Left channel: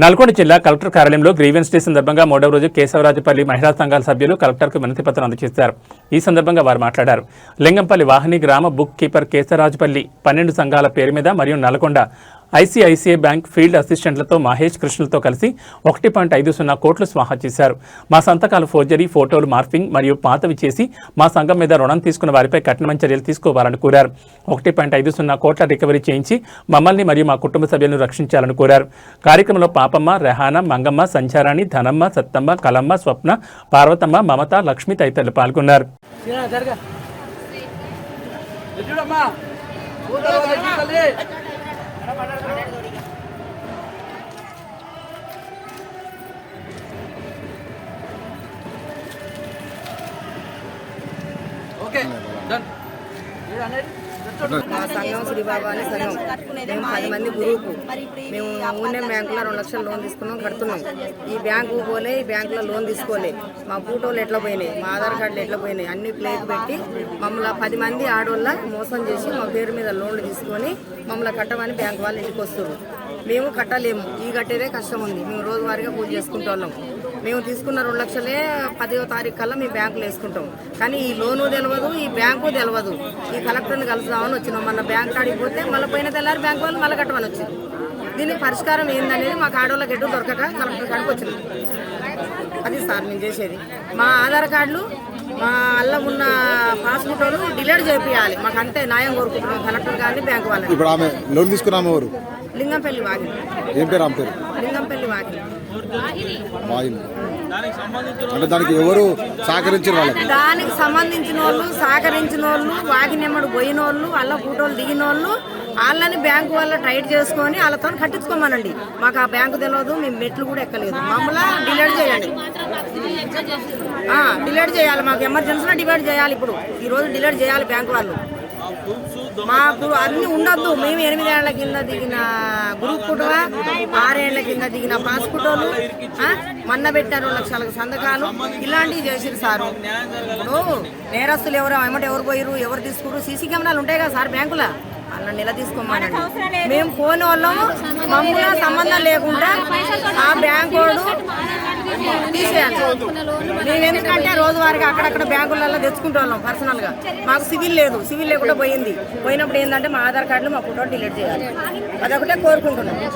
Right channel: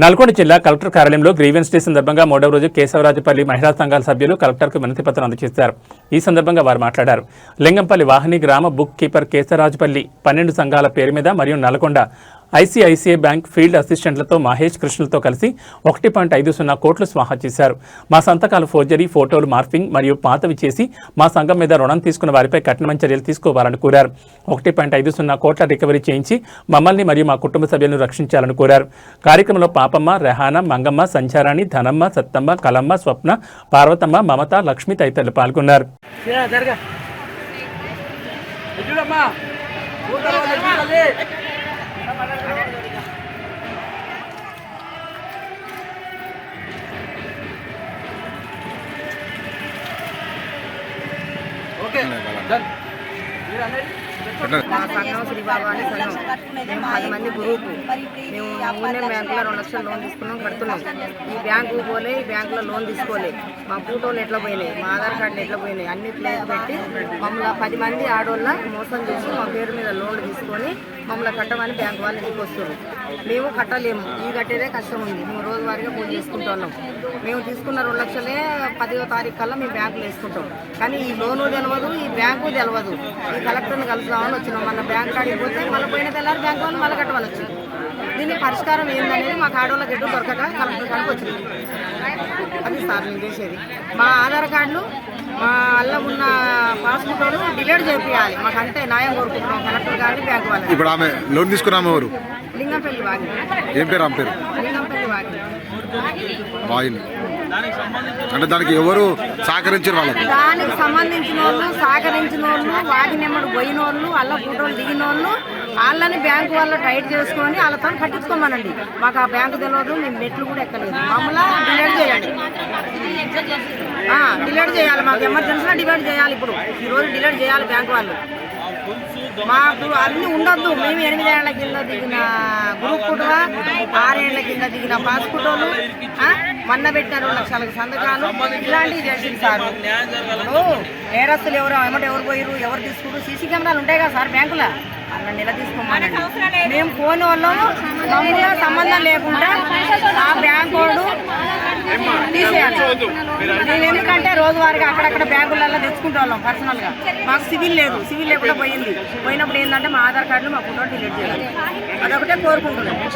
నల్గొండ జిల్లా కలెక్టర్ కార్యాలయంలో grievance day సందర్భంగా 3వ రోజు కేశవరాజుపల్లి మహిళా సంఘాల సభ్యులు కలెక్టర్కు వినతి పత్రం అందజేశారు. ఈ సందర్భంగా వారు మాట్లాడారు. లింగంపల్లి వాహిని గ్రామ బుక్ కీపర్ కేశవరాజుపల్లి 12 సంఘాల పేరు మీద మరియు నల్గొండ ఐసీఐసీఐ బ్యాంక్ ఫీల్డ్ అసిస్టెంట్లతో మహేష్ కృష్ణలతో కలిసి 1.50 కోట్లు స్వాహా చేశారు. మా సంతకాలు ఫోర్జరీ, ఫోటోలు మార్ఫింగ్ మరియు పాతవి చేసి మా సంఘం మీద రుణం తీసుకున్న వారిపై కఠినమైన చర్యలు తీసుకోవాలని కోరారు. 1.50 కోట్ల రికవరీ చేయించి మమ్మల్ని మరియు మా కుటుంబ సభ్యులను రక్షించాలని కోరారు. కార్యక్రమంలో పాపమ్మ, రెహానా, మంగమ్మ, సంచారాణి, ధనమ్మ, సత్తమ్మ, కలమ్మ, స్వప్న, పార్వతమ్మ, మమత, లక్ష్మి తదితరులు పాల్గొన్నారు. నా సంఘం శ్రీబాబా అనే సంఘం. మేము 10 మంది గ్రూపు. మేము యూనియన్ బ్యాంకులో 2 లక్షలు లోన్ తీసుకున్నాం, కడుతున్నాం. ఈ బ్యాంకు పోలే, ఈ బ్యాంకులో లోన్ తీసుకోలే. మా ఫోటోలు ఎట్లా పోయినాయి, మా ఆధార్ కార్డులు ఎట్లా పోయినాయి, అన్ని ప్లేట్ పెట్టి మమ్మల్ని 10 మంది ఆడోళ్ళ మోసం చేసి మా పేరు మీద లోన్లు తీసుకొని మమ్మల్ని కట్టమని బ్యాంకు వాళ్ళు ఇంటికి వస్తారు. మేము కట్టలేము, ఈ కట్టేదే కష్టం ఉంది. మేము రోజువారీగా పూజ చేసుకుంటున్నాం. మేము తీసుకున్న 2 లక్షలే 10వ తారీఖు కల్లా మేము బ్యాంకులో వేసుకుంటాం. కానీ ఈ లోను తెలియదు, ఈ బ్యాంకు తెలియదు. ఈ కలెక్టర్ని కలుద్దామని వచ్చినాం. మన బ్యాంక్ కాడికి పోతే మళ్ళీ పోయిన తెల్లారి బ్యాంకు వాళ్ళు మళ్ళీ కట్టమని వచ్చింది. దీనికి పరిష్కారం ఏందనేది మాకు ఆడోళ్ళకి ఎటు దొరకక కలెక్టర్ కాడికి వచ్చింది. అది సార్ నేను చేసేది. మా ఆధార్ కార్డులు, మా అల్ల ఉన్న పాస్బుక్ డిలీట్ చేయాలి. మాకు అంతే న్యాయం కోరుకుంటున్నాం కలెక్టర్ గారిని, బ్యాంకు వాళ్ళు. ఇప్పుడు ఆమె లోన్ తీసుకున్నాము ఎవరు? లింగంపల్లి వాగిని. ఏం పేరు ఆమె పేరు? లింగంపల్లి వాగిని. అంటే దానికి ఎవరు సహకరించారు? వాళ్ళకి దానికి సంబంధించిన వాళ్ళు వాగినెమ్మడు పోయిన వాళ్ళు, అల్ల ఫోటోలు దిగిన వాళ్ళు, వాళ్ళని బ్యాంకు వాళ్ళ టైట్ చేసుకొని వాళ్ళతో కట్టించుకోమనండి. మాకు ఆ బ్యాంకు తెలియదు, మేము మెట్లు కూడా ఎక్కలేదు. మమ్మల్ని డిలీట్ చేయాలి, డిలీట్ చేయాలి. మాకు ఎమర్జెన్సీలో డిలీట్ చేయాలి. ఇప్పుడు ఈరోజు డిలీట్ చేయాలి బ్యాంకు వాళ్ళు. మాకు అన్నీ ఉండొద్దు. మేము 8 ఏళ్ల కింద దిగిన గ్రూప్ ఫోటోవా, 6 ఏళ్ల కింద దిగిన పాస్ ఫోటోలు, మొన్న పెట్టిన 2 లక్షలకు సంతకాలు, ఇలాంటివి చేసిరు సారు. ఇప్పుడు నేరస్తులు ఎవరు పోయిరు, ఎవరు తీసుకురు, సీసీ కెమెరాలు ఉంటాయి కదా సార్ బ్యాంకులో, అలా నెల తీసుకోమనండి. మేము పోని వాళ్ళము మమ్మల్ని సంబంధం లేకుండా ఆ బ్యాంకు వాడు తీసేయాలి. మేము ఎందుకంటే రోజువారీగా అక్కడక్కడ బ్యాంకులలో తెచ్చుకుంటే వాళ్ళం పర్సనల్గా. మాకు సివిల్ లేదు, సివిల్ లేకుండా పోయినప్పుడు ఏంటంటే మా ఆధార్ కార్డులు, మా ఫోటో డిలీట్ చేయాలి. అదొకటే కోరుకుంటున్నాం.